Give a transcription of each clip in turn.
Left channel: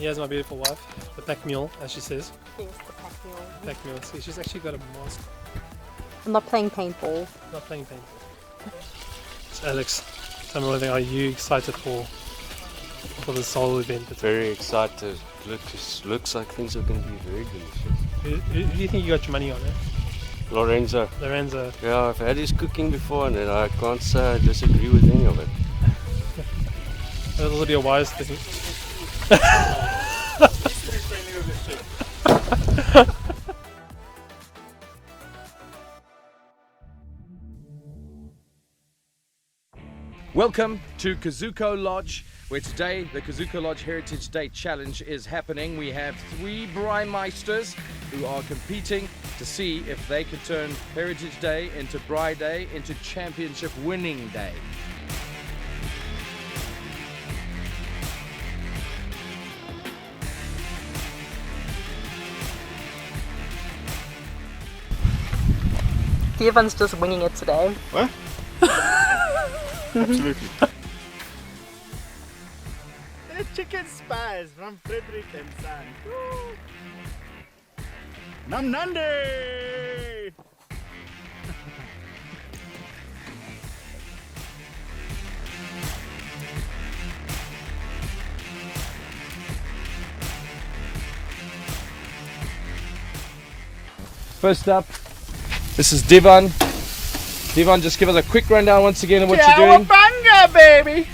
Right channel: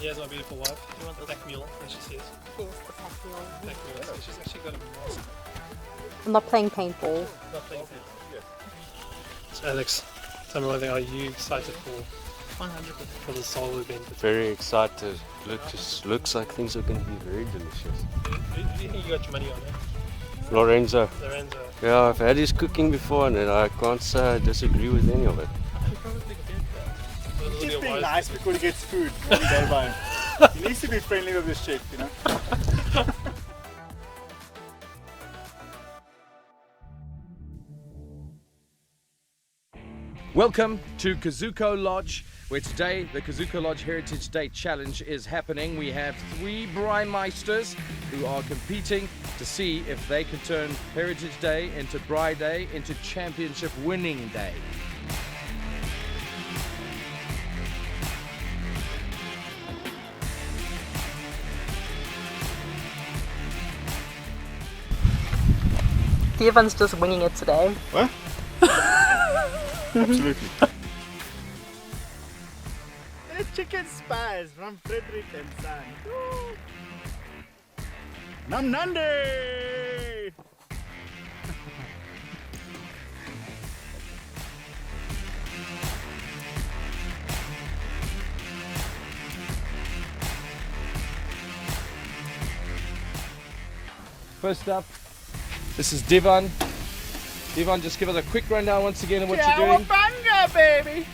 Here's my beautiful wife, the pack mule, as she says. Yes, the pack mule. Pack mule. So she's actually got a mask. I'm not playing paintball. Not playing paintball. So Alex, tell me one thing. Are you excited for this whole event? Very excited. Looks like things are going to be very delicious. Who do you think you got your money on, eh? Lorenzo. Lorenzo. Yeah, I've had his cooking before and I can't say I disagree with any of it. That'll be a wise nice thing. before he gets food. He needs to be friendly with this chef, you know. Welcome to Kuzuko Lodge, where today the Kuzuko Lodge Heritage Day Challenge is happening. We have 3 Braai Meisters who are competing to see if they can turn Heritage Day into Braai Day into Championship Winning Day. Devan's just winging it today. What? Absolutely. The chicken spice from Frederick and Son. Nam Nandi! First up, this is Devan. Devan, just give us a quick rundown once again of what you're doing. Cowabunga, baby!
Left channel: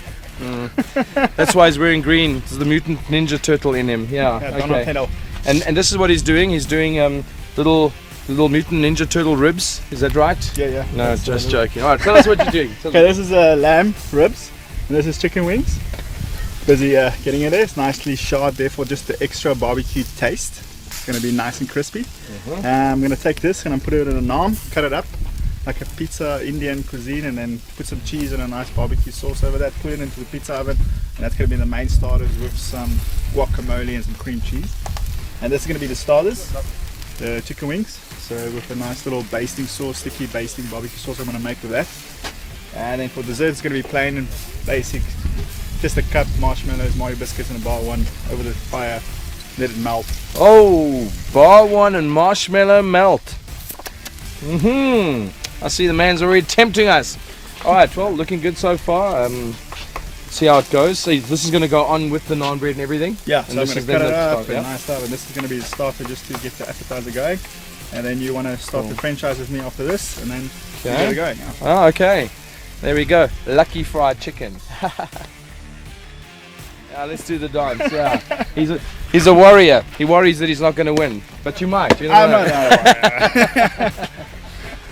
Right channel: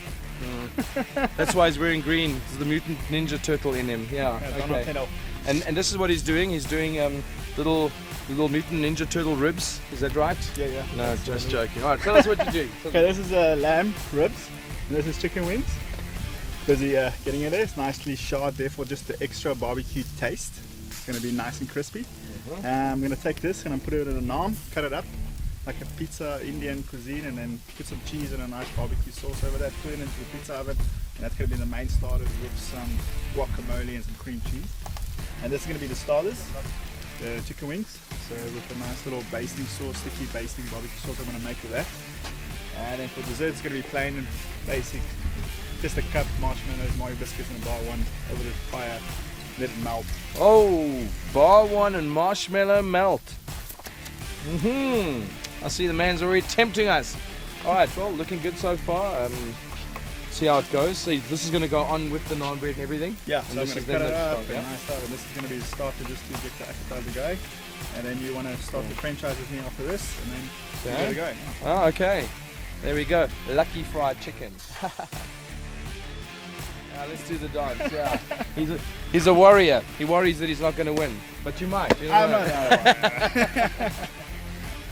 That's why he's wearing green. There's the mutant ninja turtle in him. Yeah. Okay. And this is what he's doing. He's doing little mutant ninja turtle ribs. Is that right? Yeah. No, just joking. All right, tell us what you're doing. Okay, this is lamb ribs, and this is chicken wings. Busy getting it there. It's nicely charred there for just the extra barbecue taste. It's going to be nice and crispy. I'm going to take this and I'm put it in a naan, cut it up like a pizza Indian cuisine, and then put some cheese and a nice barbecue sauce over that, put it into the pizza oven, and that's going to be the main starters with some guacamole and some cream cheese. And this is going to be the starters, the chicken wings, so with a nice little basting sauce, sticky basting barbecue sauce I'm going to make with that. And then for dessert it's going to be plain and basic, just a cut marshmallows, Mario biscuits and a bar one over the fire, let it melt. Oh, bar one and marshmallow melt. I see the man's already tempting us. All right, well, looking good so far. See how it goes. So this is going to go on with the naan bread and everything. Yeah, and so I'm this going is to then cut it the up start, and yeah? nice stuff, and this is going to be the starter just to get the appetizer going. And then you want to start the french fries with me after this, and then we Okay. get it going. Oh, okay. There we go. Lucky fried chicken. Now let's do the dance. Yeah. He's a warrior. He worries that he's not going to win, but you might. You never know. No.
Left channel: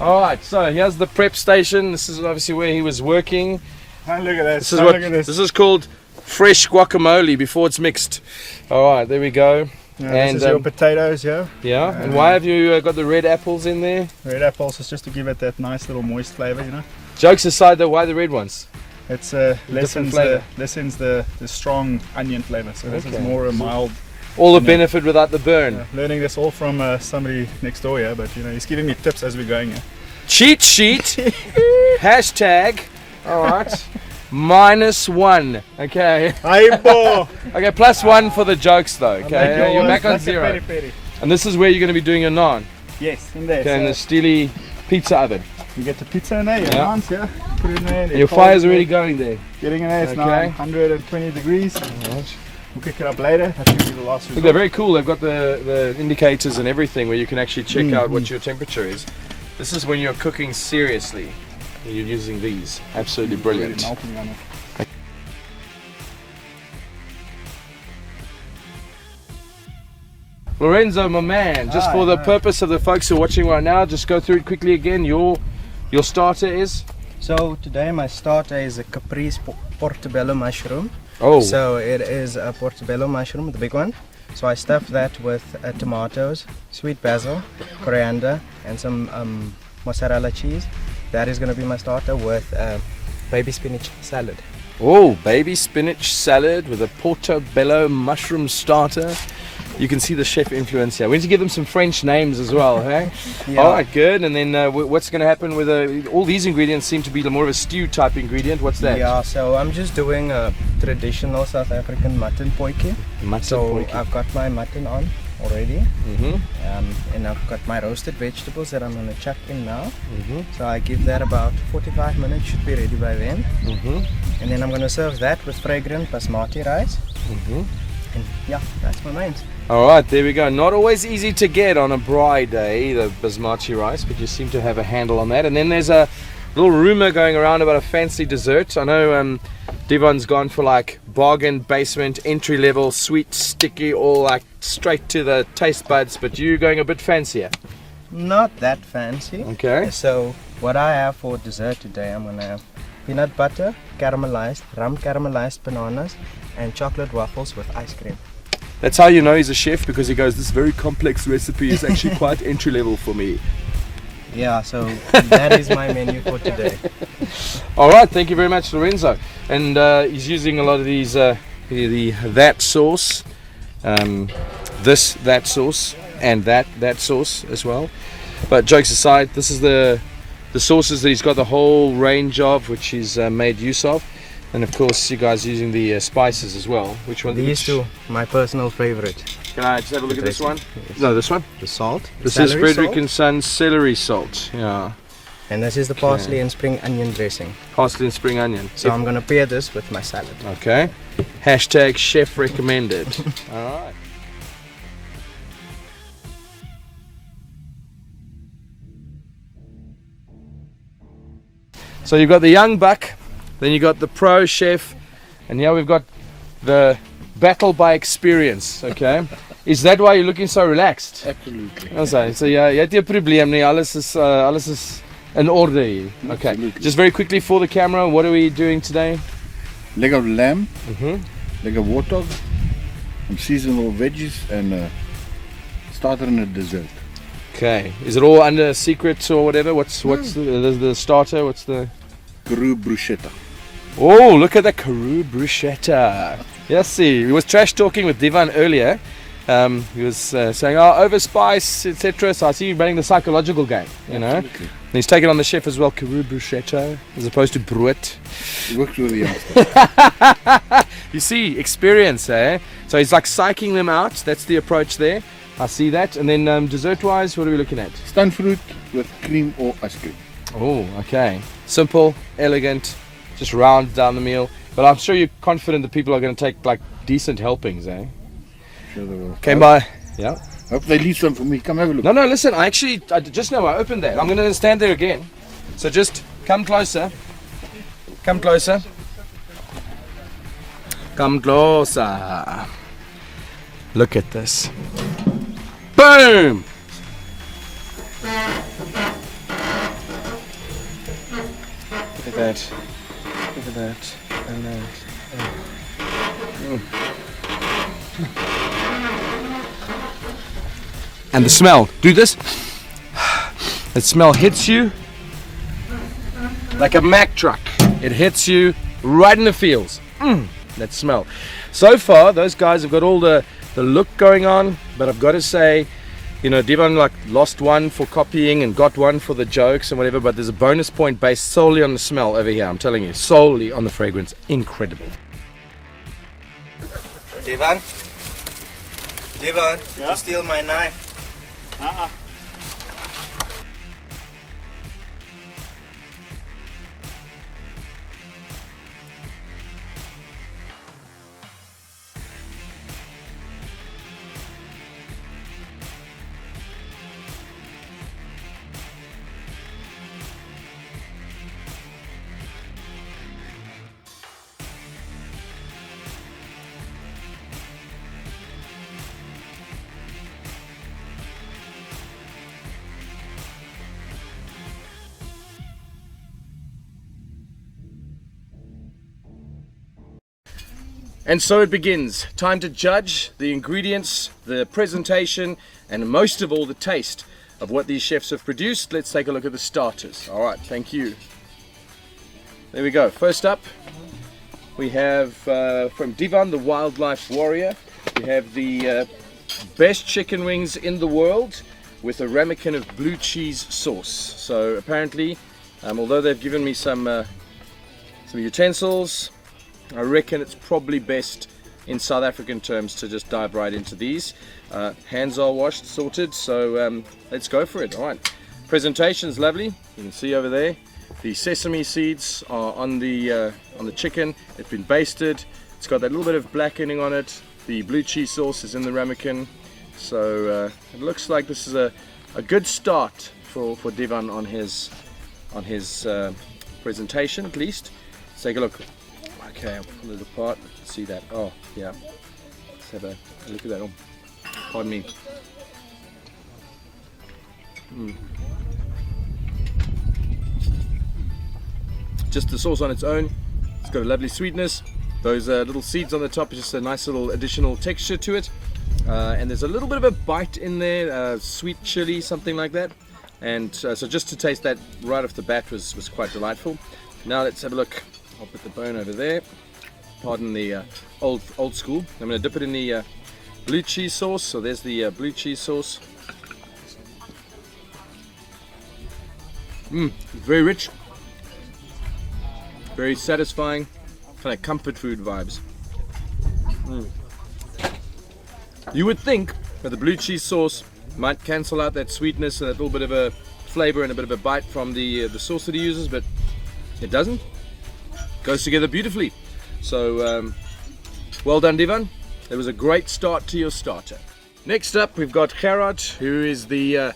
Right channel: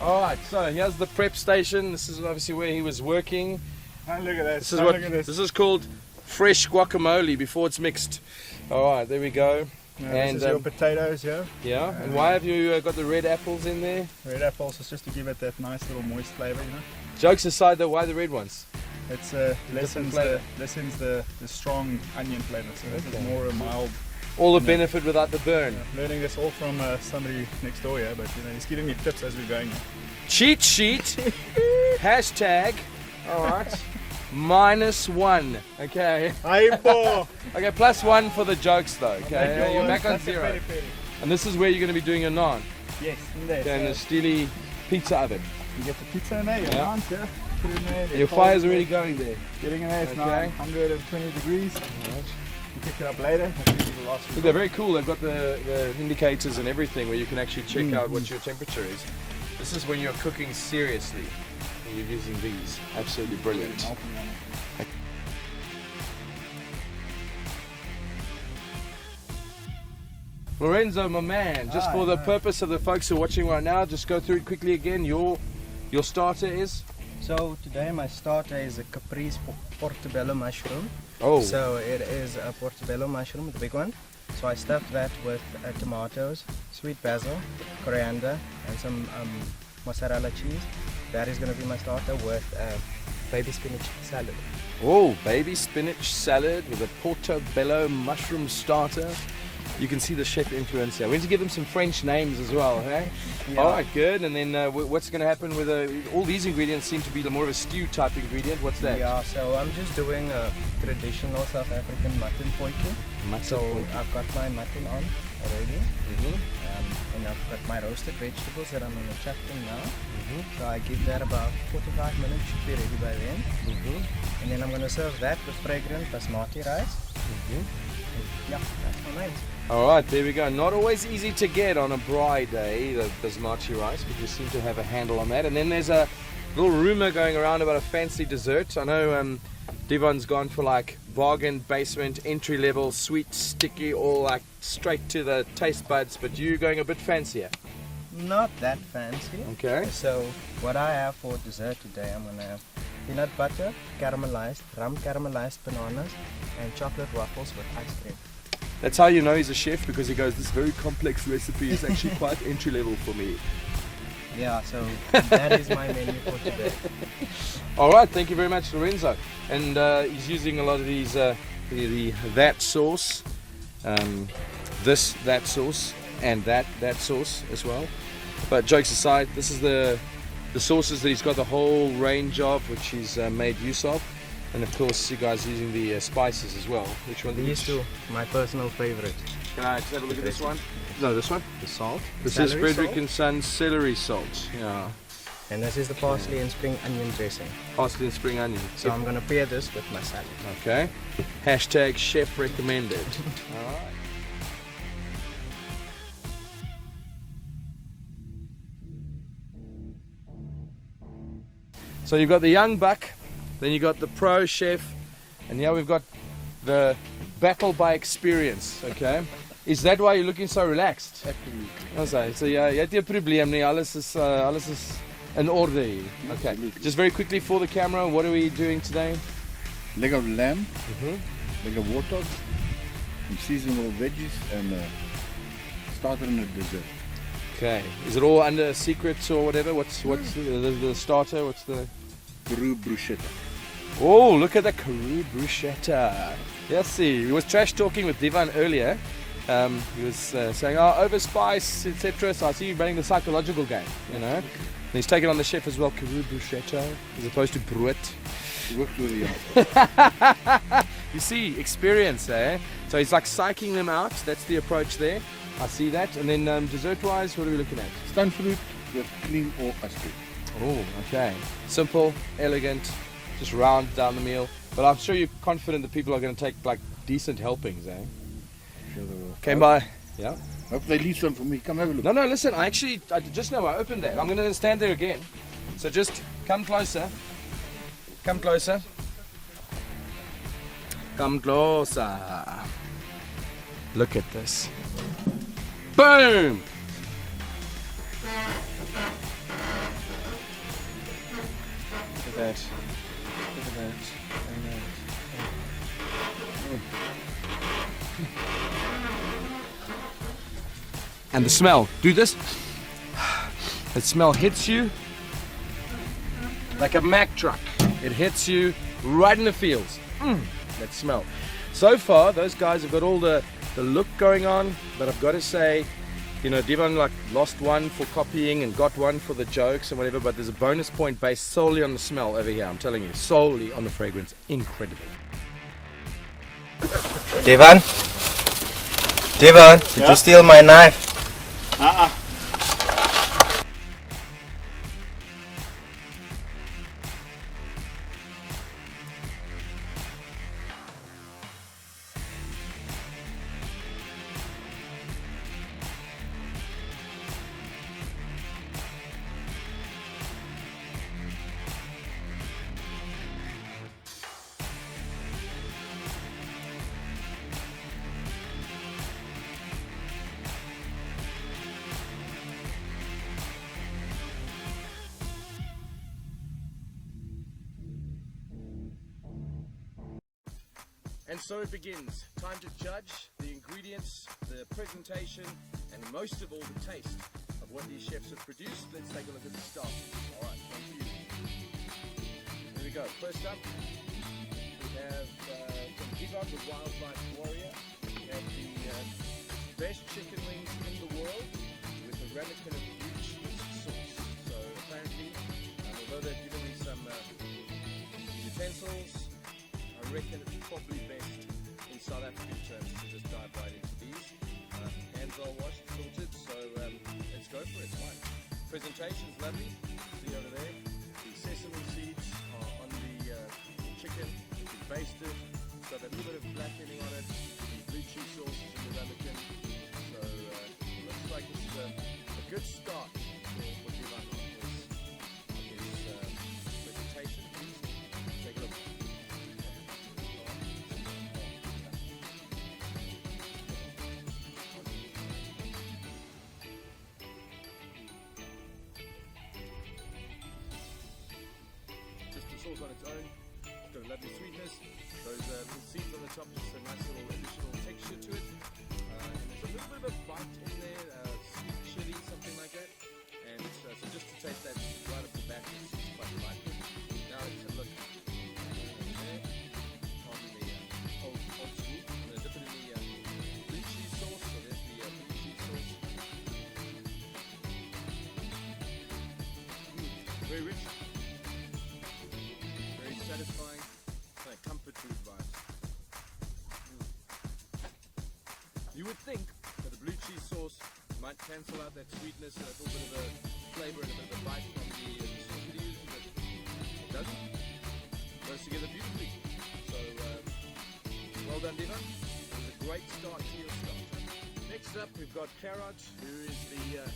All right. So here's the prep station. This is obviously where he was working. Oh, look at this. This is Oh, what look at this. this is called fresh guacamole before it's mixed. All right. There we go. Yeah, and this is your potatoes, yeah. yeah. And why have you got the red apples in there? Red apples is just to give it that nice little moist flavour, you know. Jokes aside, though, why the red ones? It's lessens flavour. the strong onion flavour, so this is more a mild. All the benefit without the burn. Learning this all from somebody next door here, but you know he's giving me tips as we're going here. Cheat sheet. Hashtag. All right. -1. Okay. Aibo! Okay. +1 for the jokes though. Okay. You're back on That's a 0. peri-peri. And this is where you're going to be doing your naan. Yes, in there. Okay. In the So steely pizza oven. you get the pizza in there, your Yeah. naans, yeah. Put it in there. And your fire's already going there. Getting in there, it's now Okay. 120 degrees. We'll pick it up later. That should be the last Look, they're very cool. They've got the indicators and everything where you can actually check out what your temperature is. This is when you're cooking seriously. When you're using these. Absolutely brilliant. melting on it. Lorenzo, my man, just for the purpose of the folks who are watching right now, just go through it quickly again. Your starter is? So today my starter is a caprese portobello mushroom. Oh, So it is a portobello mushroom, the big one. So I stuffed that with tomatoes, sweet basil, coriander, and some mozzarella cheese. That is going to be my starter with baby spinach salad. oh, baby spinach salad with a portobello mushroom starter. You can see the chef influence here. We need to give them some French names as well, hey? Yeah. All right, good. And then what's going to happen with all these ingredients seem to be more of a stew type ingredient. What's that? Yeah, so I'm just doing a traditional South African mutton potjie. So I've got my mutton on already. And I've got my roasted vegetables that I'm going to chuck in now. So I give that about 45 minutes, should be ready by then. And then I'm going to serve that with fragrant basmati rice. And yeah, that's my mains. All right, there we go. Not always easy to get on a braai day, the basmati rice, but you seem to have a handle on that. And then there's a little rumor going around about a fancy dessert. I know Devon's gone for like bargain basement, entry level, sweet, sticky, all like straight to the taste buds, but you're going a bit fancier. Not that fancy. Okay. So what I have for dessert today, I'm going to have peanut butter, caramelized, rum caramelized bananas, and chocolate waffles with ice cream. That's how you know he's a chef, because he goes, this very complex recipe is actually quite entry level for me. Yeah, so that is my menu for today. All right, thank you very much, Lorenzo. And he's using a lot of these, that sauce, that sauce, and that sauce as well. But jokes aside, this is the sauces that he's got the whole range of, which he's made use of. And of course, you guys using the spices as well. Which one? These two, my personal favorite. Can I just have a look at this one? No, this one. The salt. This is celery Frederick salt. and Son's celery salt. Yeah. And this is the parsley and spring onion dressing. Parsley and spring onion. So I'm going to pair this with my salad. Okay. Hashtag chef recommended. All right. So you've got the young buck, then you've got the pro chef, and now we've got the battle by experience, okay? Is that why you're looking so relaxed? Absolutely. So yeah, jy het nie 'n probleem nie. Alles is in orde hier. Okay. Absolutely. Just very quickly for the camera, what are we doing today? Leg of lamb, leg of warthog, some seasonal veggies, and starter and a dessert. Okay. Is it all under secrets or whatever? What's the starter? What's the... Peru bruschetta. Oh, look at the Karoo bruschetta. Yes, see, he was trash talking with Devon earlier. He was saying, oh, overspice, etc. So I see you running the psychological game, you know. And he's taken on the chef as well, Karoo bruschetta, as opposed to brood. Works really hard. You see, experience, eh? So he's like psyching them out. That's the approach there. I see that. And then dessert-wise, what are we looking at? Stone fruit with cream or ice cream. Oh, okay. Simple, elegant, just round down the meal. But I'm sure you're confident that people are going to take like decent helpings, eh? Sure they will. Came by. Yeah. Hope they leave some for me. Come have a look. No, listen, I just know I opened that. I'm going to stand there again. So just come closer. Come closer. Come closer. Look at this. Boom! Look at that. Look at that. And then. And the smell. Do this. The smell hits you like a Mack truck. It hits you right in the feels. That smell. So far, those guys have got all the look going on, but I've got to say, you know, Devon like lost one for copying and got one for the jokes and whatever, but there's a bonus point based solely on the smell over here. I'm telling you, solely on the fragrance. Incredible. Devon? Devon, did you steal my knife? And so it begins. Time to judge the ingredients, the presentation, and most of all the taste of what these chefs have produced. Let's take a look at the starters. All right, thank you. There we go. First up, we have from Devon, the wildlife warrior. We have the best chicken wings in the world with a ramekin of blue cheese sauce. So apparently, although they've given me some utensils, I reckon it's probably best in South African terms to just dive right into these. Hands are washed, sorted, so let's go for it. All right, presentation's lovely. You can see over there the sesame seeds are on the chicken. They've been basted. It's got that little bit of blackening on it. The blue cheese sauce is in the ramekin, so it looks like this is a good start for Divan on his presentation, at least. Let's take a look. Okay, I'll pull it apart. See that? Oh, yeah. Let's have a look at that. Oh, pardon me. Just the sauce on its own. It's got a lovely sweetness. Those little seeds on the top is just a nice little additional texture to it. And there's a little bit of a bite in there, sweet chili, something like that. And so just to taste that right off the bat was quite delightful. Now let's have a look. I'll put the bone over there. Pardon the old school. I'm going to dip it in the blue cheese sauce. So there's the blue cheese sauce. Very rich, very satisfying, kind of comfort food vibes. You would think that the blue cheese sauce might cancel out that sweetness and that little bit of a flavor and a bit of a bite from the sauce that he uses, but it doesn't. Goes together beautifully. So well done, Divan. It was a great start to your starter. Next up, we've got Gerard, who is the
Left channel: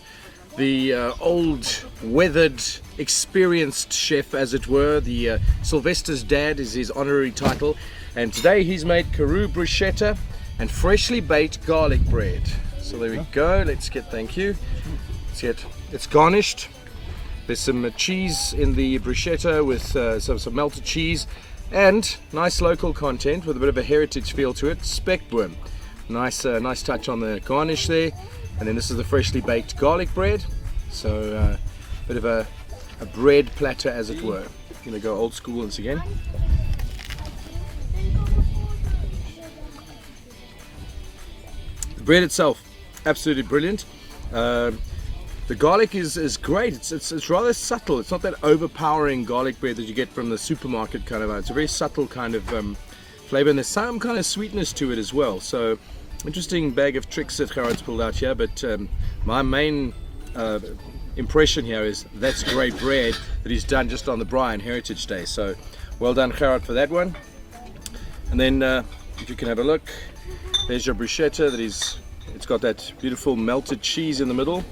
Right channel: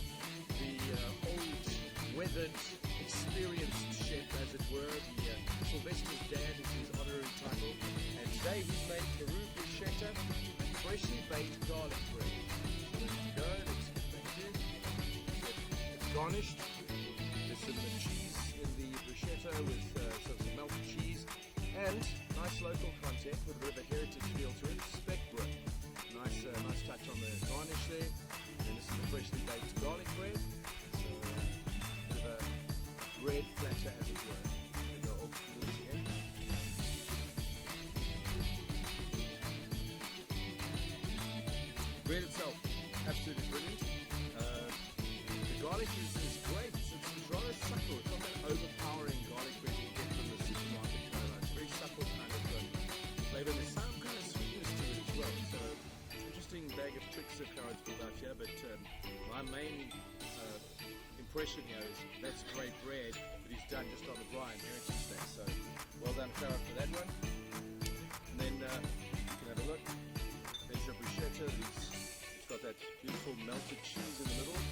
old, weathered, experienced chef, as it were. The Sylvester's dad is his honorary title, and today he's made Karoo bruschetta and freshly baked garlic bread. So there we go. Let's get, thank you. It's garnished. There's some cheese in the bruschetta with some melted cheese and nice local content with a bit of a heritage feel to it. Speckworm. Nice touch on the garnish there. And then this is the freshly baked garlic bread. So a bit of a bread platter, as it were. I'm going to go old school once again. The bread itself, absolutely brilliant. The garlic is great. It's rather subtle. It's not that overpowering garlic bread that you get from the supermarket kind of. It's a very subtle kind of flavor, and there's some kind of sweetness to it as well. So interesting bag of tricks that Gerard's pulled out here, but my main impression here is that's great bread that he's done just on the Braai and Heritage Day. So well done, Gerard, for that one. And then if you can have a look, there's your bruschetta that it's got that beautiful melted cheese in the middle.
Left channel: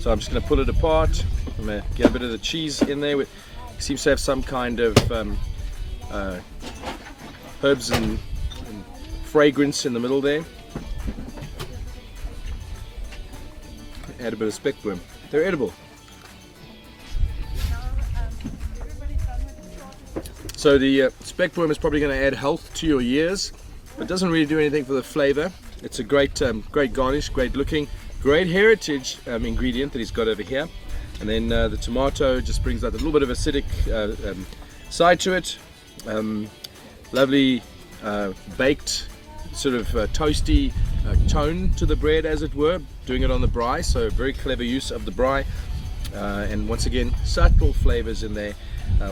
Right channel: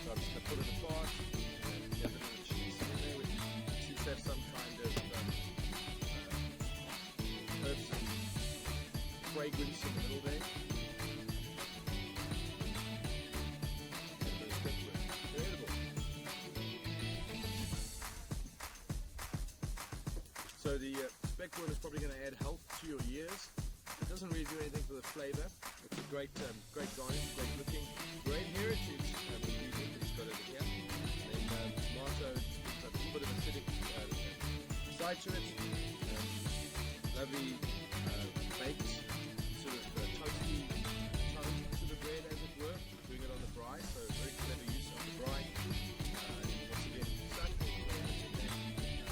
So I'm just going to pull it apart. I'm going to get a bit of the cheese in there. It seems to have some kind of herbs and fragrance in the middle there. Add a bit of speckworm. They're edible. So the speckworm is probably going to add health to your years, but doesn't really do anything for the flavor. It's a great garnish, great looking, great heritage ingredient that he's got over here. And then the tomato just brings out a little bit of acidic side to it. Lovely baked, sort of toasty tone to the bread, as it were, doing it on the Braai. So very clever use of the Braai, and once again subtle flavors in there.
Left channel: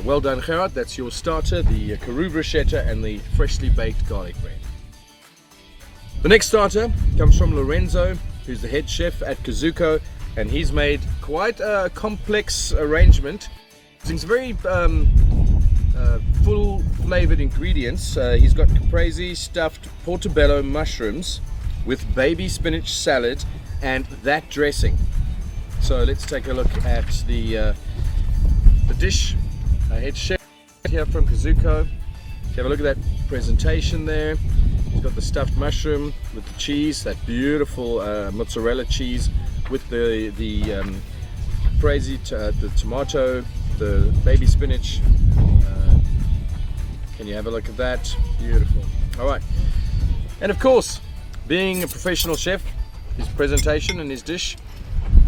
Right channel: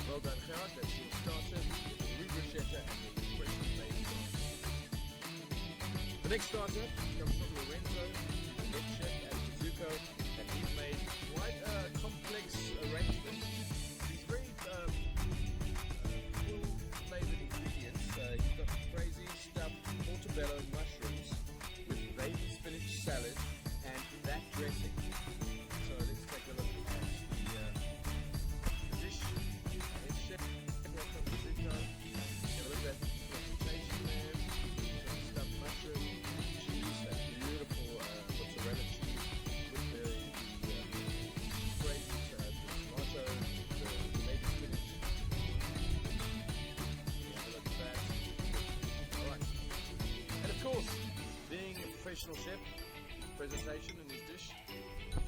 Well done, Gerard. That's your starter, the Karoo bruschetta and the freshly baked garlic bread. The next starter comes from Lorenzo, who's the head chef at Kuzuko, and he's made quite a complex arrangement. It's very full flavored ingredients. He's got caprese stuffed portobello mushrooms with baby spinach salad and that dressing. So let's take a look at the dish. Head chef here from Kuzuko. Have a look at that presentation there. He's got the stuffed mushroom with the cheese, that beautiful mozzarella cheese with the caprese, the tomato, the baby spinach. Can you have a look at that? Beautiful. All right. And of course, being a professional chef, his presentation and his dish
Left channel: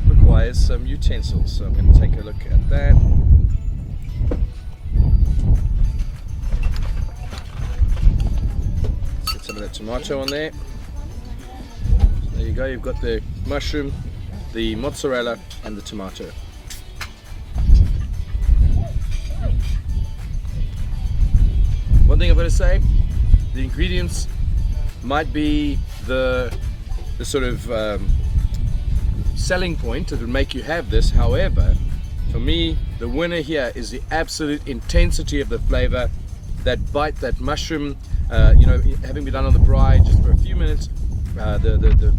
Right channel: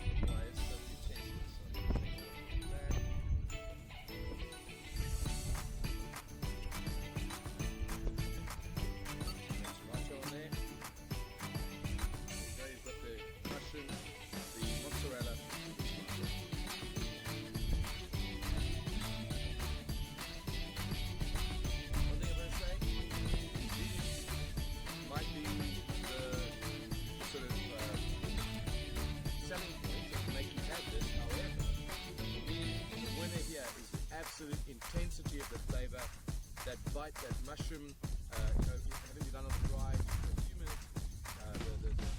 requires some utensils. So I'm going to take a look at that. Let's get some of that tomato on there. There you you go. You've got the mushroom, the mozzarella, and the tomato. One thing I've got to say, the ingredients might be the sort of selling point that would make you have this. However, for me, the winner here is the absolute intensity of the flavor. That bite, that mushroom, you know, having been done on the braai just for a few minutes, the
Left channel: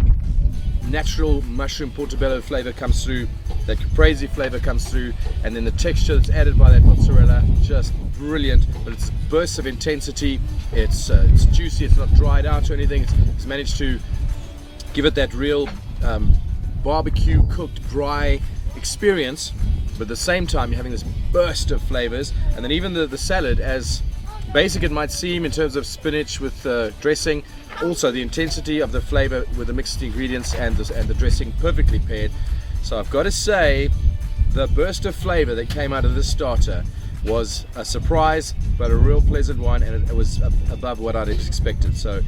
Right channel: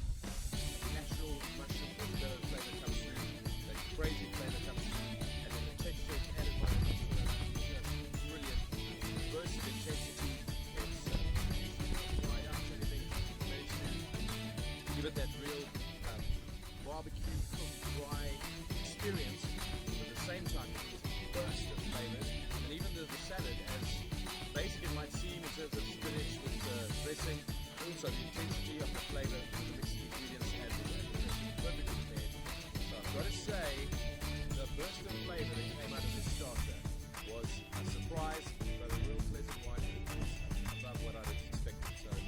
natural mushroom portobello flavor comes through, that caprese flavor comes through, and then the texture that's added by that mozzarella, just brilliant. But it's bursts of intensity. It's juicy. It's not dried out or anything. It's managed to give it that real barbecue cooked braai experience. But at the same time, you're having this burst of flavors, and then even the salad, as basic it might seem in terms of spinach with dressing, also the intensity of the flavor with the mixed ingredients and the dressing perfectly paired. So I've got to say, the burst of flavor that came out of this starter was a surprise, but a real pleasant one, and it was above what I'd expected. So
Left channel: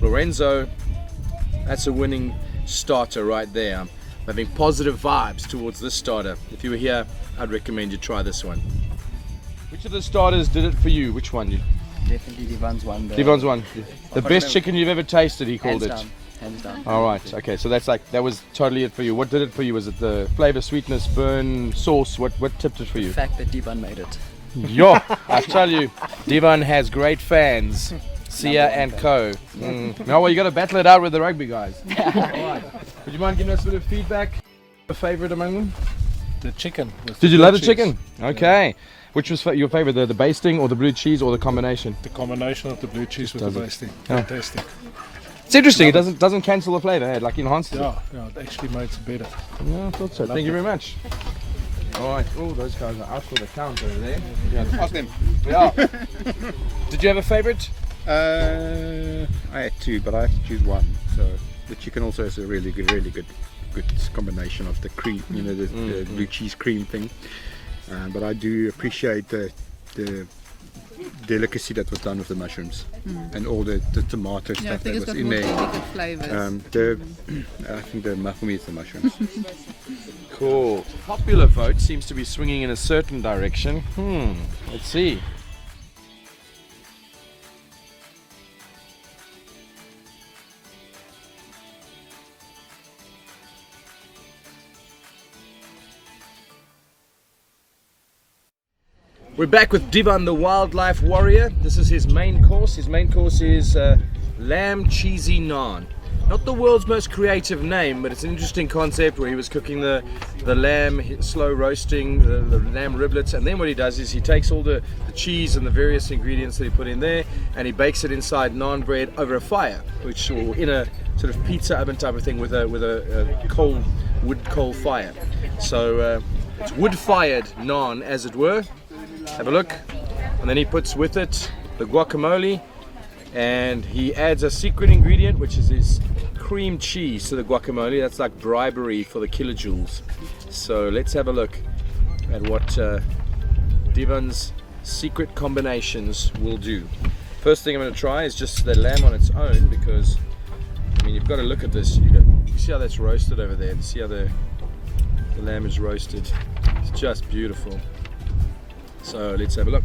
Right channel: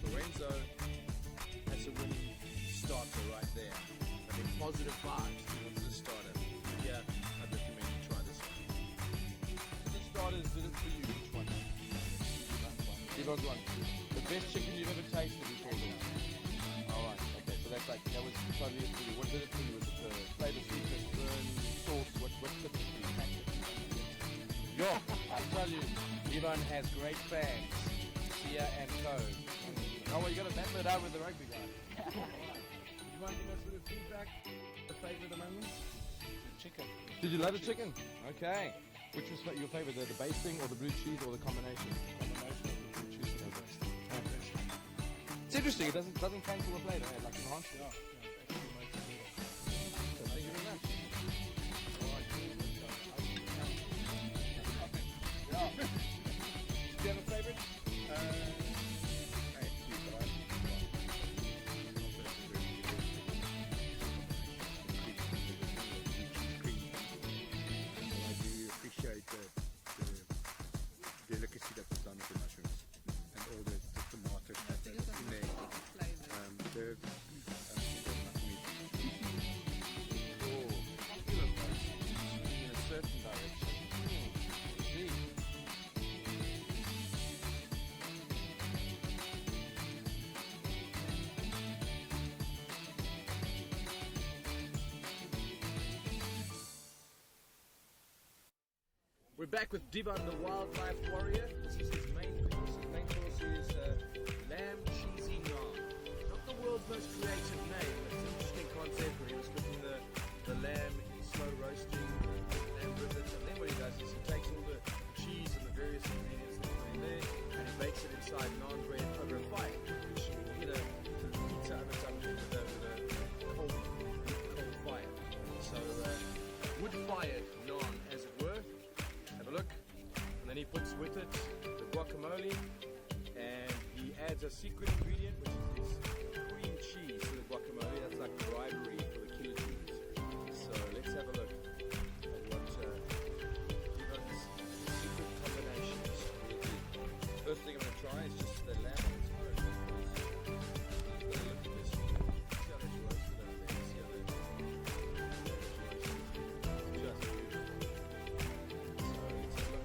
Lorenzo, that's a winning starter right there. I'm having positive vibes towards this starter. If you were here, I'd recommend you try this one. Which of the starters did it for you? Which one? Definitely Devon's one. Devon's one. The best chicken you've ever tasted, he called it. Hands down. All right. Okay. So that was totally it for you. What did it for you? Was it the flavor, sweetness, burn, sauce? What tipped it for you? The fact that Devon made it. Yo, I tell you, Devon has great fans. Sia and Co. No, well, you got to battle it out with the rugby guys. All right. Would you mind giving us a bit of feedback? A favorite among them? The chicken. Did you love the chicken? Okay. Which was your favorite, the basting or the blue cheese or the combination? The combination of the blue cheese with the basting. Fantastic. It's interesting. It doesn't cancel the flavor. It like enhances it. Yeah, it actually makes it better. Yeah, I thought so. Thank you very much. All right. Oh, those guys are out for the count over there. Yeah, ask them. Yeah. Did you have a favorite? I had two, but I had to choose one. So the chicken also is a really good combination of the cream, you know, the blue cheese cream thing. But I do appreciate the delicacy that was done with the mushrooms and all the tomato stuff that was in there. I think for me it's the mushrooms. Cool. Popular vote seems to be swinging in a certain direction. Let's see. We're back with Devon, the wildlife warrior. This is his main course. His main course is lamb cheesy naan. Not the world's most creative name, but it's an interesting concept where he was cooking the lamb, slow roasting the lamb riblets, and then what he does is he takes all the cheese and the various ingredients that he put in there, and he bakes it inside naan bread over a fire, or in a sort of pizza oven type of thing with a cold wood coal fire. So it's wood-fired naan, as it were. Have a look, and then he puts with it the guacamole, and he adds a secret ingredient, which is his cream cheese to the guacamole. That's like bribery for the kilojoules. So let's have a look at what Devon's secret combinations will do. First thing I'm going to try is just the lamb on its own, because I mean, you've got to look at this. You see how that's roasted over there. You see how the lamb is roasted. It's just beautiful. So let's have a look.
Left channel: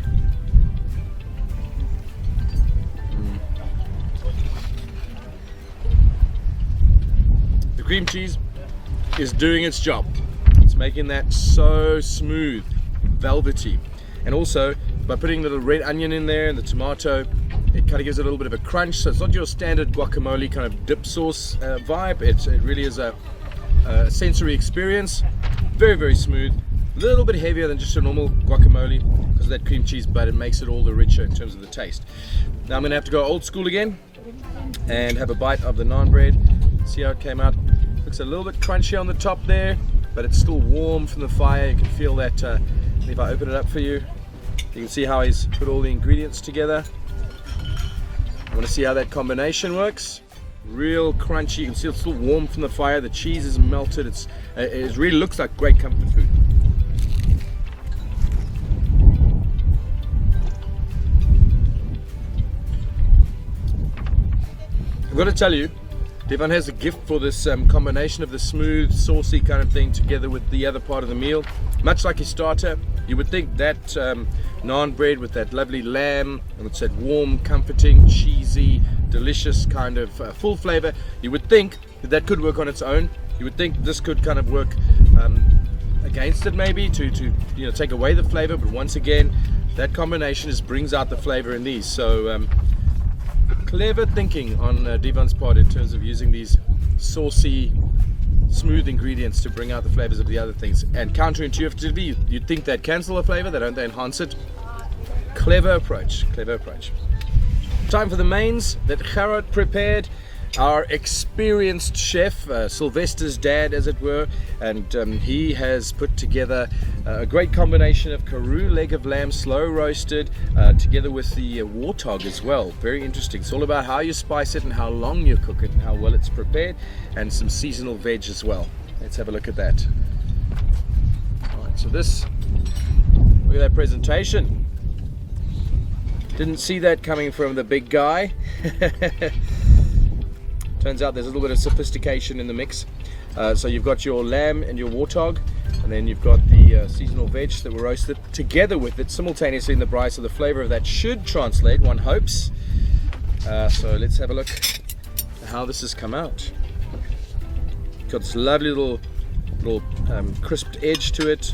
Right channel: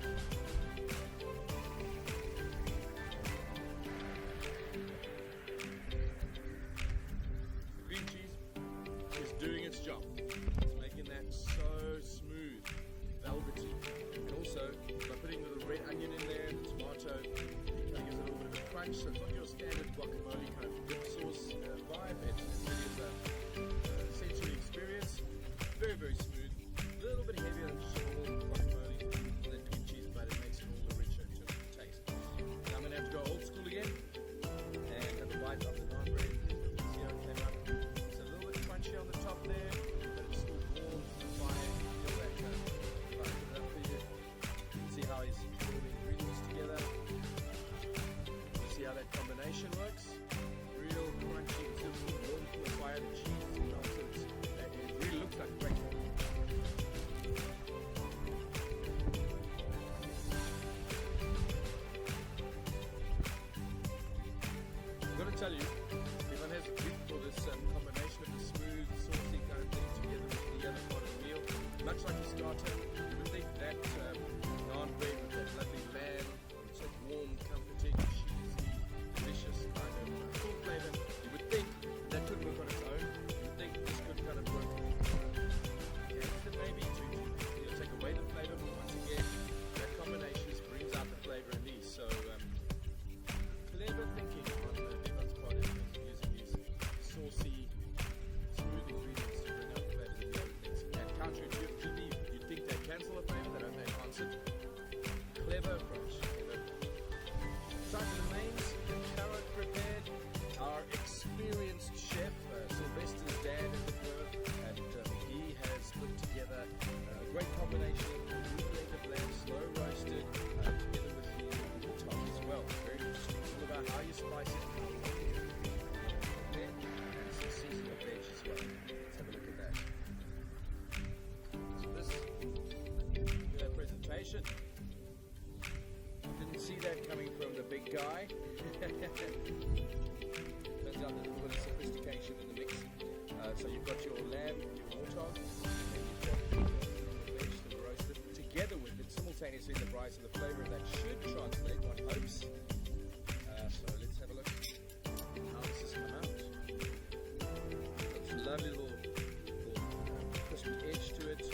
The cream cheese is doing its job. It's making that so smooth, velvety. And also, by putting the little red onion in there and the tomato, it kind of gives it a little bit of a crunch. So it's not your standard guacamole kind of dip sauce vibe. It really is a sensory experience. Very, very smooth. A little bit heavier than just a normal guacamole because of that cream cheese, but it makes it all the richer in terms of the taste. Now I'm going to have to go old school again and have a bite of the naan bread. See how it came out. Looks a little bit crunchy on the top there, but it's still warm from the fire. You can feel that. If I open it up for you, you can see how he's put all the ingredients together. I want to see how that combination works. Real crunchy. You can see it's still warm from the fire. The cheese is melted. It really looks like great comfort food. I've got to tell you, Devon has a gift for this combination of the smooth, saucy kind of thing together with the other part of the meal. Much like his starter, you would think that naan bread with that lovely lamb, and it's that warm, comforting, cheesy, delicious kind of full flavor, you would think that could work on its own. You would think this could kind of work against it maybe to you know, take away the flavor, but once again that combination just brings out the flavor in these. So clever thinking on Devon's part in terms of using these saucy, smooth ingredients to bring out the flavors of the other things. And counterintuitively, you'd think they'd cancel the flavor, they enhance it. Clever approach, clever approach. Time for the mains that Gerard prepared. Our experienced chef, Sylvester's dad as it were, and he has put together a great combination of Karoo leg of lamb slow roasted together with the warthog as well. Very interesting. It's all about how you spice it and how long you cook it and how well it's prepared, and some seasonal veg as well. Let's have a look at that. Alright, so this, look at that presentation. Didn't see that coming from the big guy. Turns out there's a little bit of sophistication in the mix. So you've got your lamb and your warthog, and then you've got the seasonal veg that were roasted together with it simultaneously in the braai, so the flavor of that should translate, one hopes. So let's have a look at how this has come out. Got this lovely little crisped edge to it.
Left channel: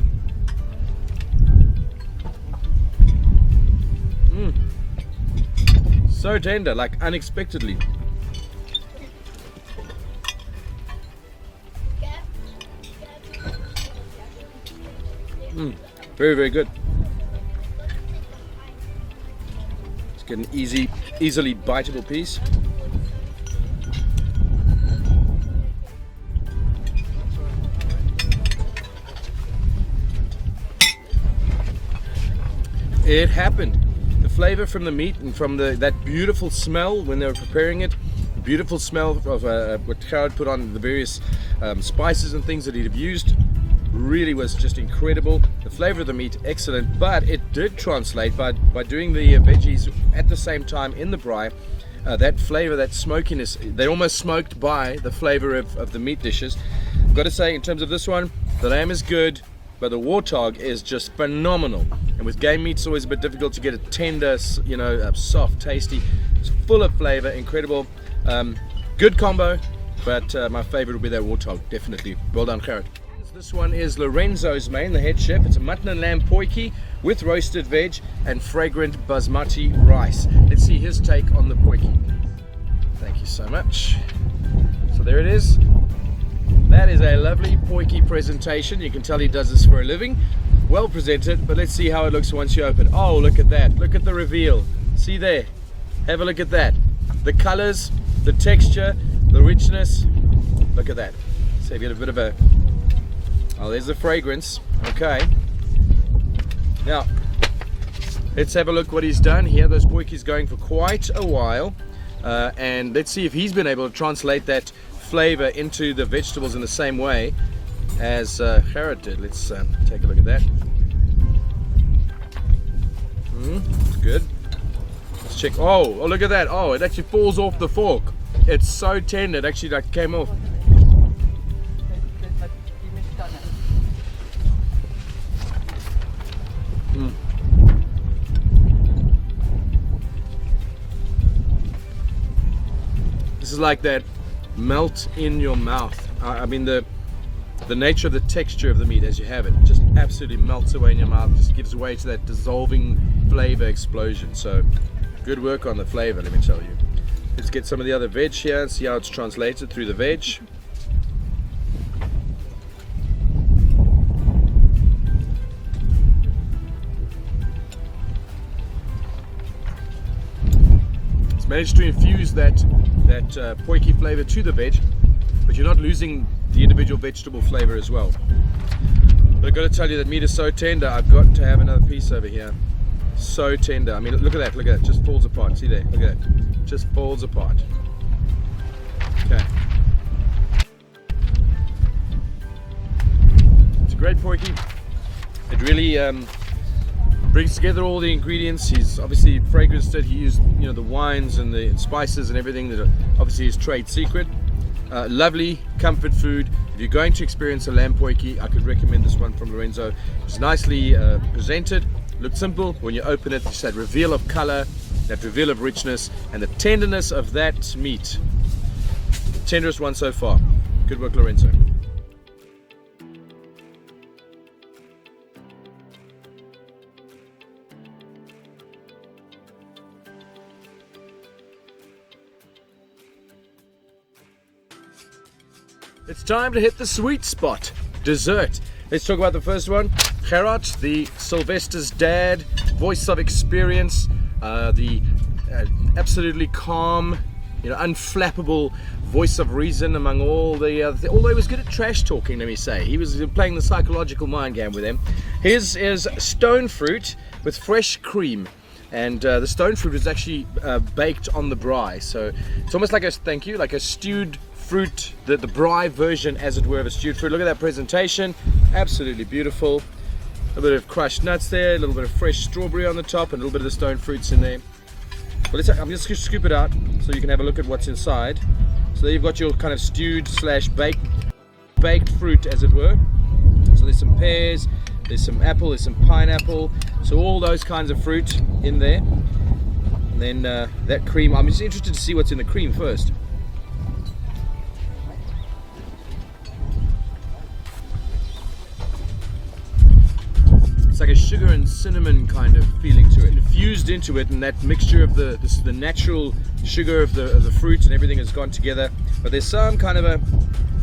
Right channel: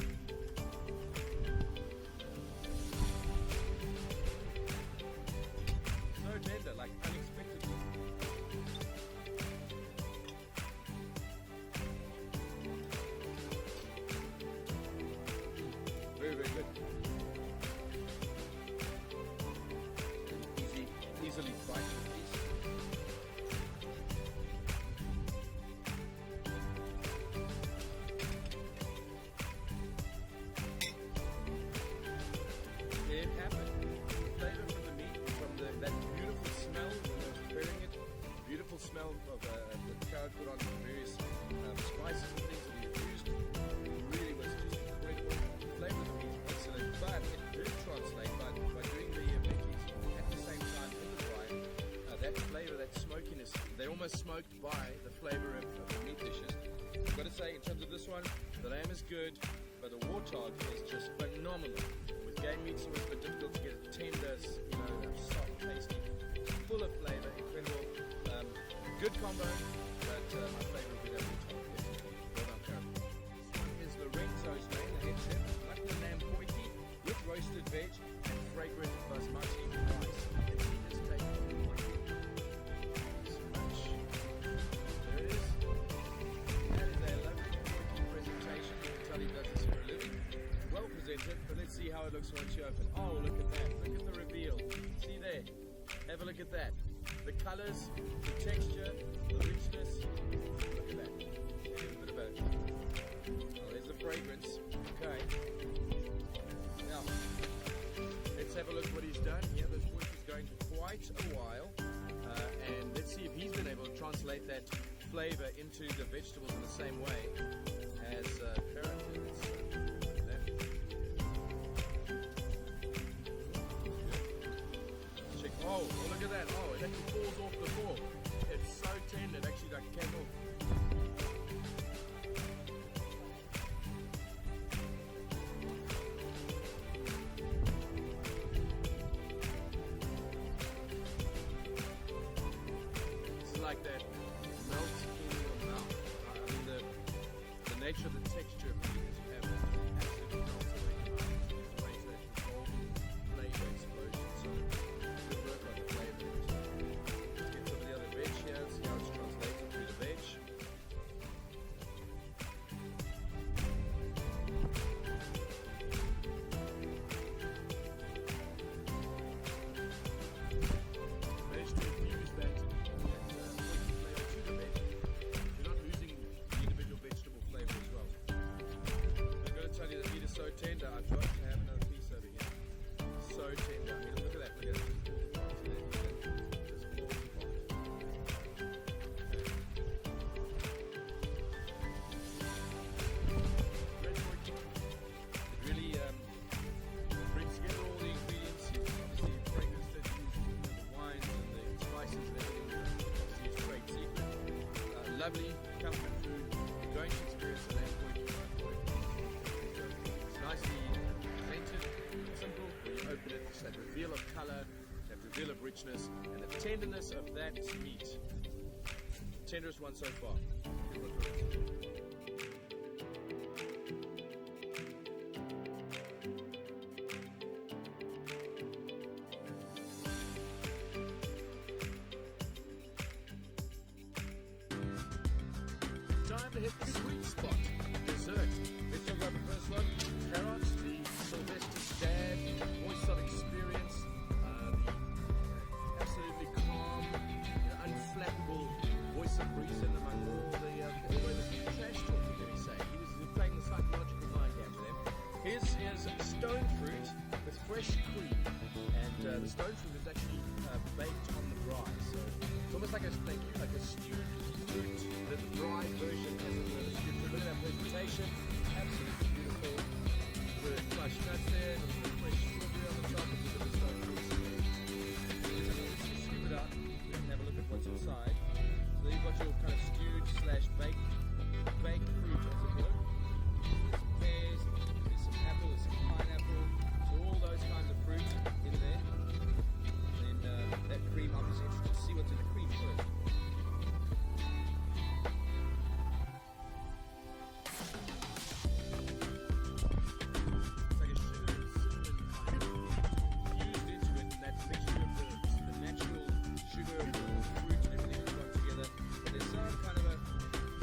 So tender, like unexpectedly. Very, very good. Let's get an easily biteable piece. It happened. The flavor from the meat and from that beautiful smell when they were preparing it, beautiful smell of what Gerard put on the various spices and things that he'd have used, really was just incredible. The flavor of the meat, excellent, but it did translate by doing the veggies at the same time in the braai. That flavor, that smokiness, they almost smoked by the flavor of the meat dishes. I've got to say, in terms of this one, the lamb is good, but the warthog is just phenomenal. And with game meat, it's always a bit difficult to get a tender, you know, soft, tasty. It's full of flavor, incredible. Good combo, but my favorite will be that warthog, definitely. Well done, Gerard. This one is Lorenzo's main, the head chef. It's a mutton and lamb potjie with roasted veg and fragrant basmati rice. Let's see his take on the potjie. Thank you so much. So there it is. That is a lovely potjie presentation. You can tell he does this for a living. Well presented, but let's see how it looks once you open. Oh, look at that. Look at the reveal. See there. Have a look at that. The colors, the texture, the richness. Look at that. So you get a bit of a... Oh, there's the fragrance. Okay. Now, let's have a look what he's done here. Those potjies going for quite a while. And let's see if he's been able to translate that flavor into the vegetables in the same way as Gerard did. Let's take a look at that. It's good. Let's check. Oh, look at that. Oh, it actually falls off the fork. It's so tender. It actually like came off. This is like that melt in your mouth. I mean the nature of the texture of the meat as you have it just absolutely melts away in your mouth, just gives way to that dissolving flavor explosion. So good work on the flavor, let me tell you. Let's get some of the other veg here and see how it's translated through the veg. Managed to infuse that potjie flavor to the veg, but you're not losing the individual vegetable flavor as well. But I've got to tell you that meat is so tender. I've got to have another piece over here. So tender. I mean, look at that. Look at that. Just falls apart. See there. Look at that. Just falls apart. Okay. It's a great potjie. It really brings together all the ingredients. He's obviously fragranced it. He used, you know, the wines and the spices and everything that are obviously his trade secret. lovely comfort food. If you're going to experience a lamb potjie, I could recommend this one from Lorenzo. It's nicely presented, looked simple. When you open it, it's that reveal of color, that reveal of richness, and the tenderness of that meat. Tenderest one so far. Good work, Lorenzo. It's time to hit the sweet spot, dessert. Let's talk about the first one. Gerard, the Sylvester's dad, voice of experience, the absolutely calm, unflappable voice of reason among all the although he was good at trash talking, let me say. He was playing the psychological mind game with him. His is stone fruit with fresh cream. And the stone fruit is actually baked on the braai, so it's almost like a stewed fruit, the braai version, as it were, of a stewed fruit. Look at that presentation, absolutely beautiful. A little bit of crushed nuts there, a little bit of fresh strawberry on the top, and a little bit of the stone fruits in there. Well, I'm just going to scoop it out so you can have a look at what's inside. So there you've got your kind of stewed / baked fruit, as it were. So there's some pears, there's some apple, there's some pineapple, so all those kinds of fruit in there. And then that cream, I'm just interested to see what's in the cream first. It's like a sugar and cinnamon kind of feeling to it, fused into it, and that mixture of the natural sugar of the fruit and everything has gone together. But there's some kind of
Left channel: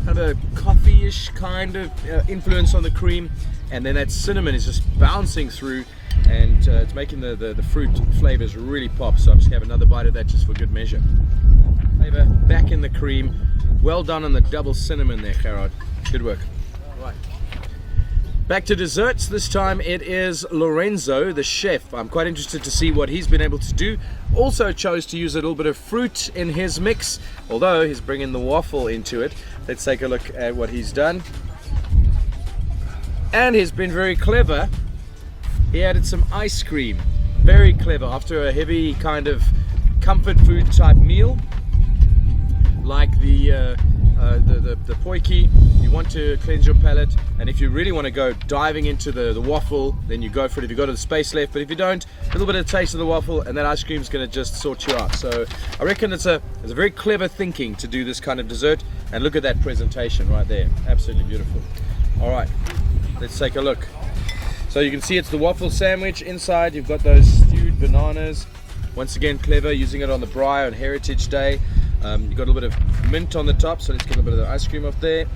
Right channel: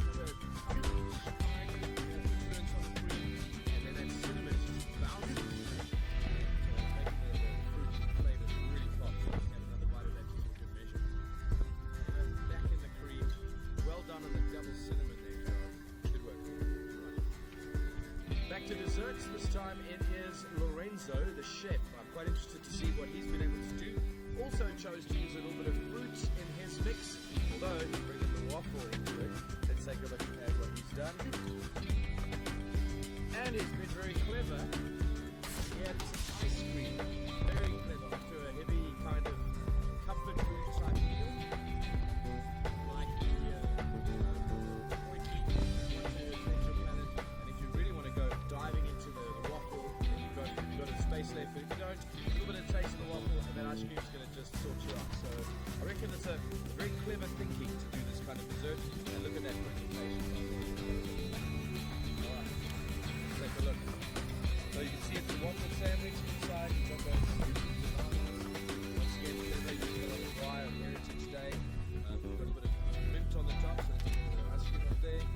a coffee-ish kind of influence on the cream, and then that cinnamon is just bouncing through, and it's making the fruit flavors really pop. So I'm just gonna have another bite of that just for good measure. Flavor back in the cream. Well done on the double cinnamon there, Gerard. Good work. Right. Back to desserts. This time it is Lorenzo, the chef. I'm quite interested to see what he's been able to do. Also chose to use a little bit of fruit in his mix, although he's bringing the waffle into it. Let's take a look at what he's done. And he's been very clever. He added some ice cream. Very clever. After a heavy kind of comfort food type meal, like the potjie, you want to cleanse your palate, and if you really want to go diving into the waffle, then you go for it if you've got the space left. But if you don't, a little bit of taste of the waffle, and that ice cream is going to just sort you out. So I reckon it's a very clever thinking to do this kind of dessert. And look at that presentation right there, absolutely beautiful. All right, let's take a look. So you can see it's the waffle sandwich. Inside you've got those stewed bananas. Once again, clever, using it on the Braai on Heritage Day. You've got a little bit of mint on the top, so let's get a little bit of the ice cream off there.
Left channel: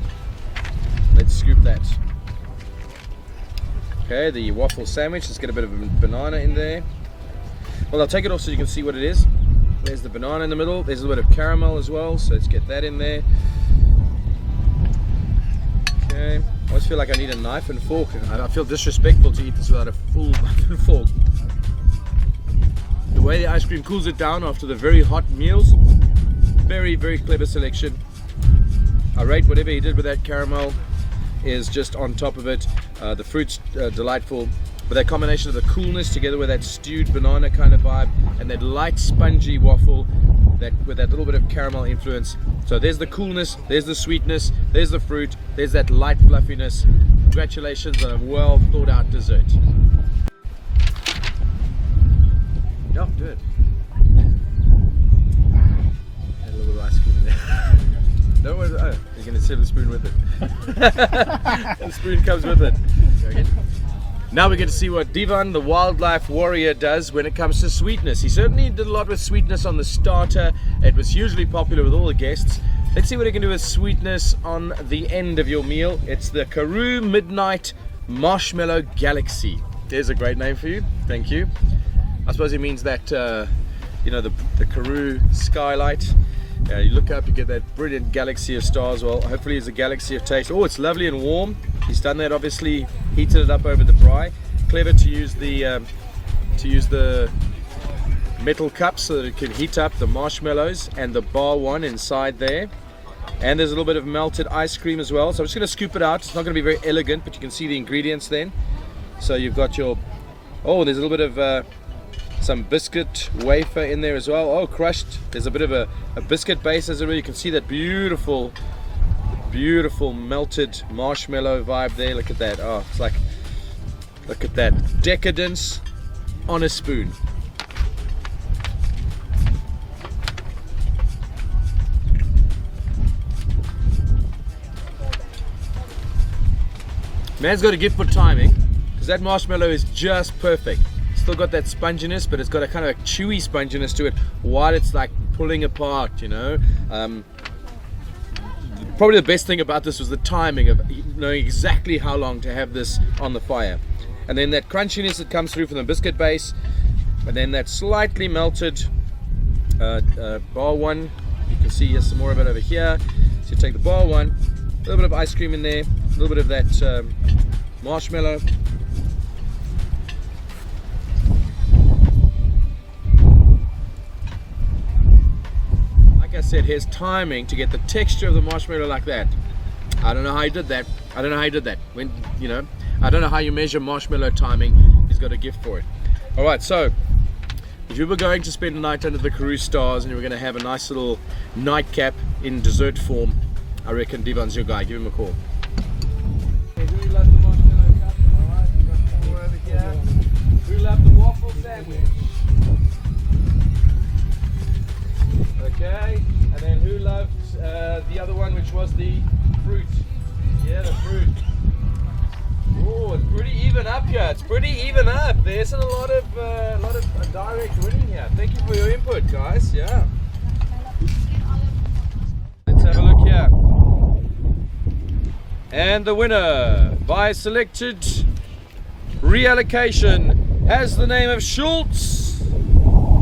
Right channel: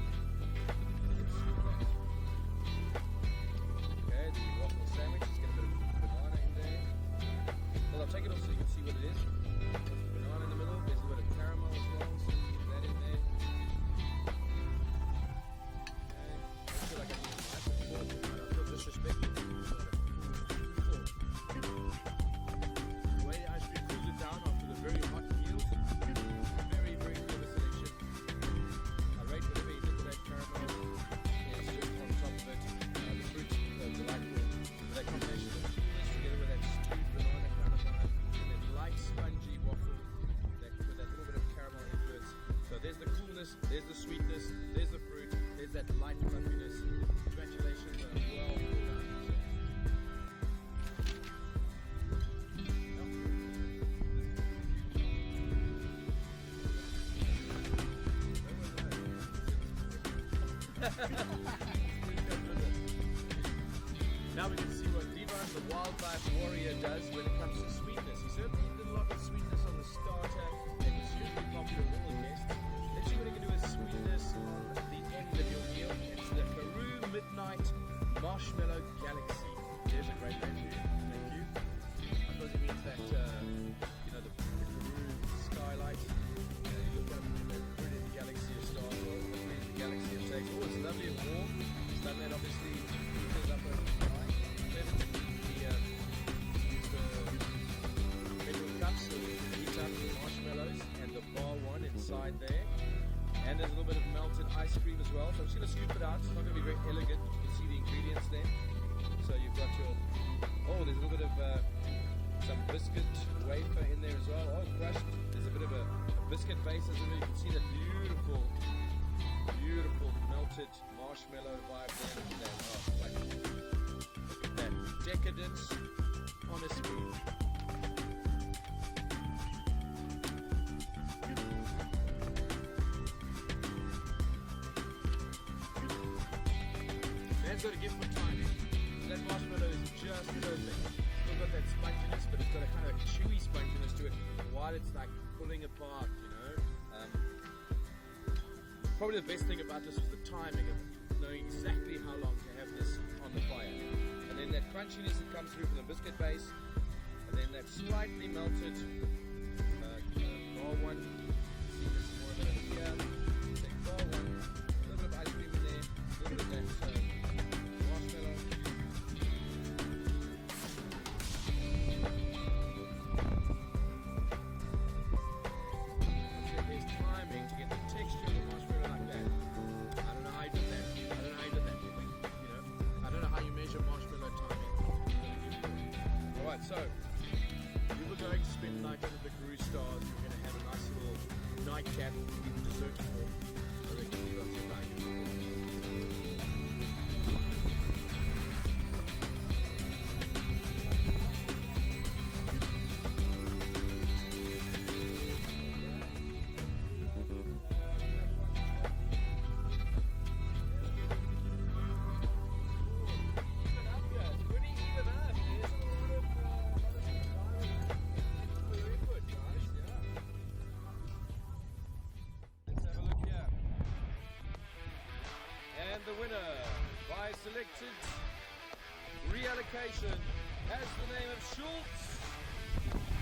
Let's scoop that. Okay, the waffle sandwich, let's get a bit of a banana in there. Well, I'll take it off so you can see what it is. There's the banana in the middle, there's a little bit of caramel as well, so let's get that in there. Okay, I always feel like I need a knife and fork, and I feel disrespectful to eat this without a full knife and fork. The way the ice cream cools it down after the very hot meals, very, very clever selection. I rate whatever he did with that caramel is just on top of it. The fruit's delightful, but that combination of the coolness together with that stewed banana kind of vibe and that light spongy waffle with that little bit of caramel influence. So there's the coolness, there's the sweetness, there's the fruit, there's that light fluffiness. Congratulations on a well thought out dessert. Yeah, do it. Add a little bit of ice cream in there. Don't worry, oh, you're going to serve the spoon with it. The spoon comes with it. Now we get to see what Divan, the wildlife warrior, does when it comes to sweetness. He certainly did a lot with sweetness on the starter. It was hugely popular with all the guests. Let's see what he can do with sweetness on the end of your meal. It's the Karoo Midnight Marshmallow Galaxy. There's a great name for you. Thank you. I suppose it means that, you know, the Karoo skylight. You look up, you get that brilliant galaxy of stars. Well, hopefully it's a galaxy of taste. Oh, it's lovely and warm. He's done that, obviously heated it up over the braai. Clever to use the metal cups so that it can heat up the marshmallows and the bar one inside there. And there's a little bit of melted ice cream as well. So I'm just going to scoop it out. It's not going to be very elegant, but you can see the ingredients then. So you've got your, oh, there's a little bit of some biscuit wafer in there as well. Oh, crushed. There's a bit of a biscuit base as well. You can see that beautiful melted marshmallow vibe there. Look at that. Oh, it's like, look at that decadence on a spoon. Man's got a gift for timing, because that marshmallow is just perfect. Still got that sponginess, but it's got a kind of a chewy sponginess to it while it's like pulling apart, you know. Probably the best thing about this was the timing of knowing exactly how long to have this on the fire. And then that crunchiness that comes through from the biscuit base, and then that slightly melted bar one. You can see here's some more of it over here. So you take the bar one, a little bit of ice cream in there, a little bit of that marshmallow. Like I said, here's timing to get the texture of the marshmallow like that. I don't know how you did that. I don't know how you did that. When, you know, I don't know how you measure marshmallow timing. He's got a gift for it. All right, so if you were going to spend a night under the Karoo stars and you were going to have a nice little nightcap in dessert form, I reckon Devon's your guy. Give him a call. We love the marshmallow cup. All right, we've got some more over here. We love the waffle sandwich. Okay, and then who loves the other one, which was the fruit? Yeah, the fruit. Oh, it's pretty even up here. It's pretty even up. There isn't a lot of direct winning here. Thank you for your input, guys. Yeah. Let's have a look here. And the winner by selected reallocation has the name of Schultz.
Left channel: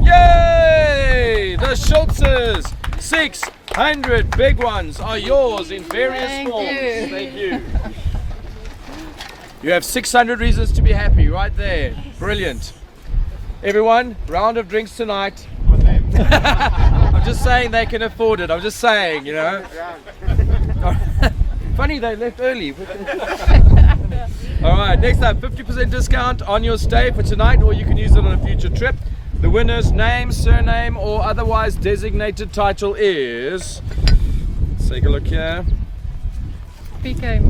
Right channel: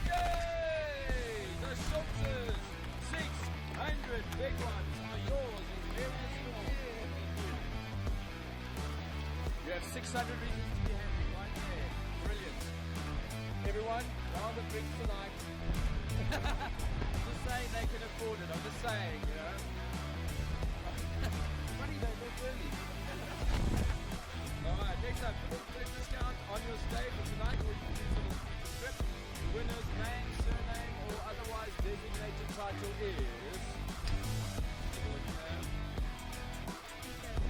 Yay! The Schultzes 600 big ones are yours in various forms. Thank you. You have 600 reasons to be happy right there. Brilliant. Everyone, round of drinks tonight. I'm just saying they can afford it. I'm just saying, you know. Funny they left early. Alright, next up, 50% discount on your stay for tonight, or you can use it on a future trip. The winner's name, surname, or otherwise designated title is... Let's take a look here. PK.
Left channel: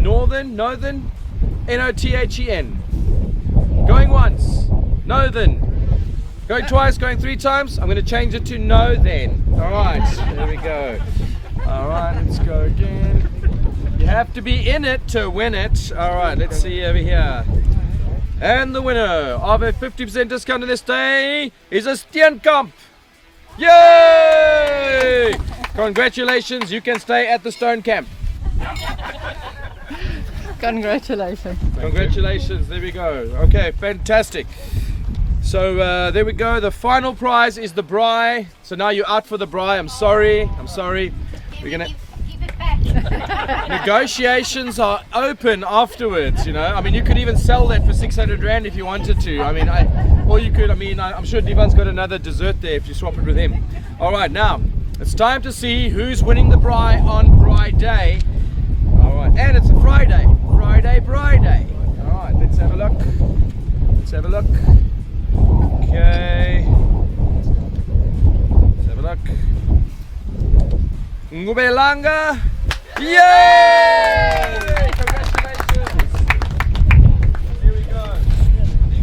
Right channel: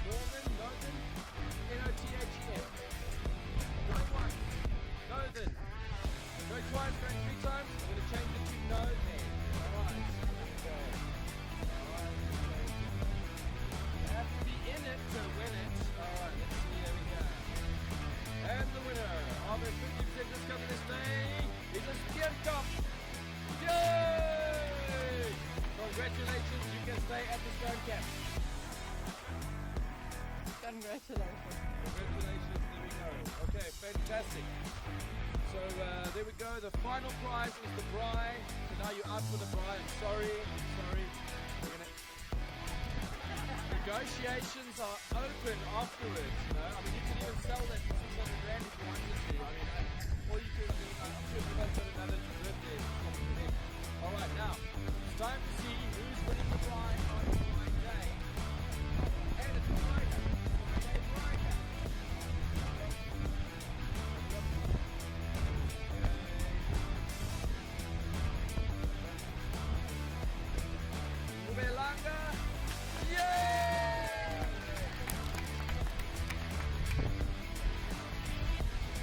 Northern, N-O-T-H-E-N. Going once, Northern. Going twice, going 3 times. I'm going to change it to no then. Alright, there we go. Alright, let's go again. You have to be in it to win it. Alright, let's see over here. And the winner of a 50% discount on this day is a Steenkamp. Yay! Congratulations, you can stay at the Stone Camp. Congratulations. Congratulations, there we go. Okay, fantastic. So there we go. The final prize is the braai. So now you're out for the braai. I'm sorry. We're gonna... Negotiations are open afterwards, you know. I mean, you could even sell that for 600 Rand if you wanted to. I mean, I'm sure Devon's got another dessert there if you swap it with him. All right, now it's time to see who's winning the braai on Braai Day. All right, and it's a Friday. Friday. All right, let's have a look. Okay. Let's have a look. Ngubelanga. Yay! Congratulations. Here we go.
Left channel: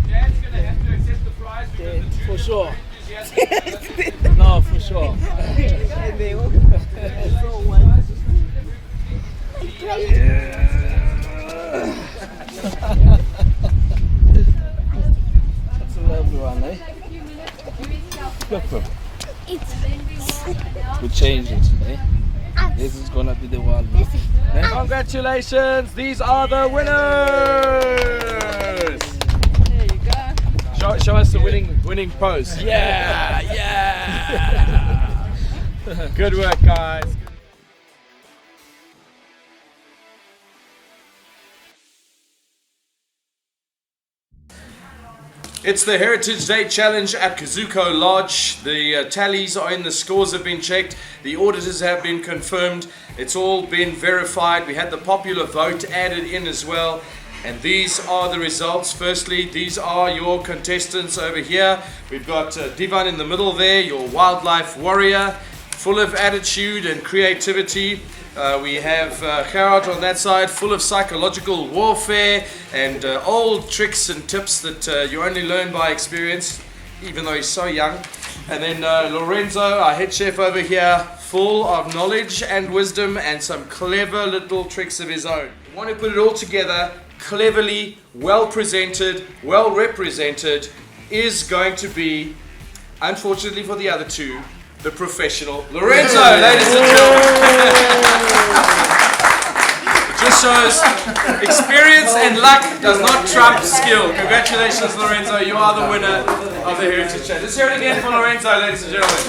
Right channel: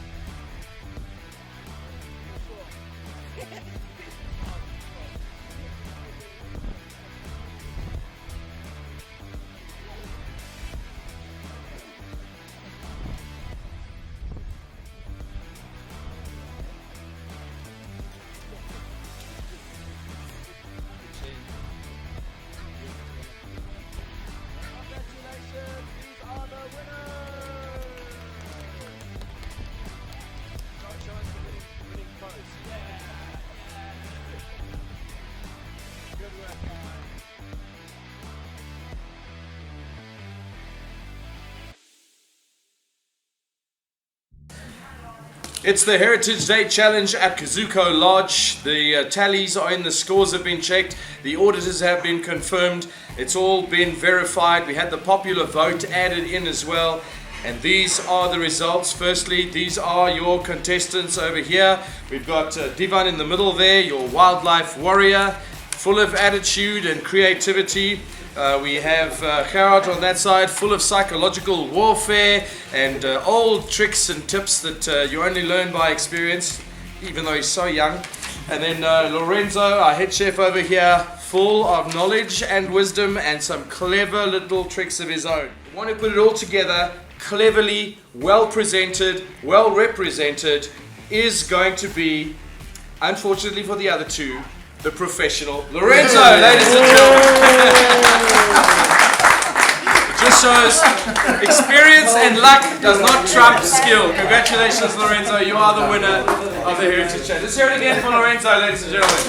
Dan's going to have to accept the prize. For sure. No, for sure. That's a lovely one, eh? Look, we change it, eh? This is gonna be the one. Eh? Congratulations! These are the winners. There you go. Show us the winning pose. Yeah. Good work, guys. It's the Heritage Day Challenge at Kuzuko Lodge. The tallies are in, the scores have been checked, the auditors have been confirmed, it's all been verified. We had the popular vote added in as well. And these are the results. Firstly, these are your contestants over here. We've got Divan in the middle there, your wildlife warrior, full of attitude and creativity. We have Gerard on that side, full of psychological warfare and old tricks and tips that you only learn by experience, even though he's so young. And then Lorenzo, our head chef over here, full of knowledge and wisdom and some clever little tricks of his own. We want to put it all together, cleverly, well presented, well represented, is going to be, unfortunately for the other two, the professional Lorenzo, ladies and gentlemen. It just shows experience and luck does not trump skill. Congratulations, Lorenzo, you are the winner of the Heritage Challenge. Let's hear it again for Lorenzo, ladies and gentlemen.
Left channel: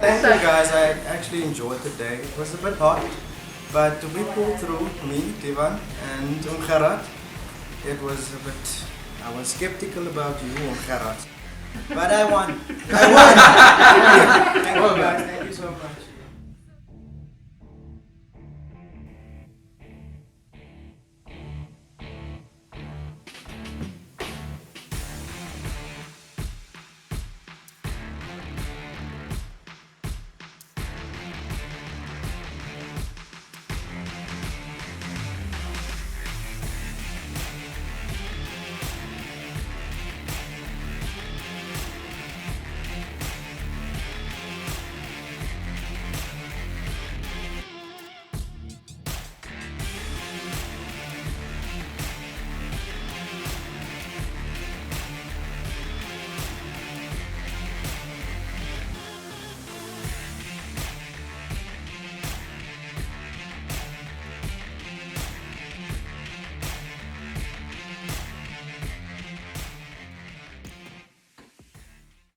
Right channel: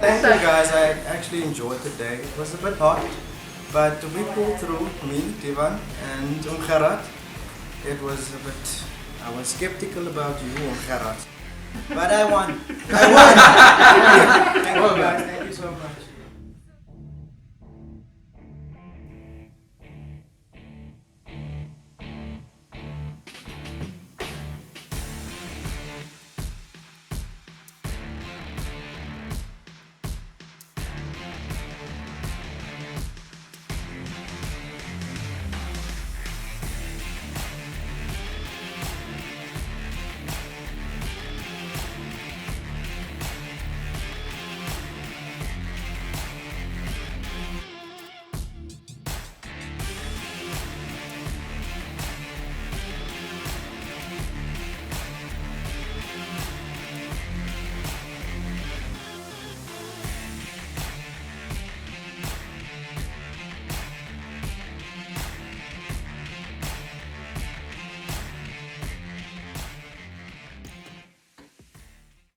Thank you guys, I actually enjoyed the day. It was a bit hot, but we pulled through, me, Divan and Gerard. It was a bit, I was skeptical about you, Gerard. But I won. Thank you guys, thank you so much.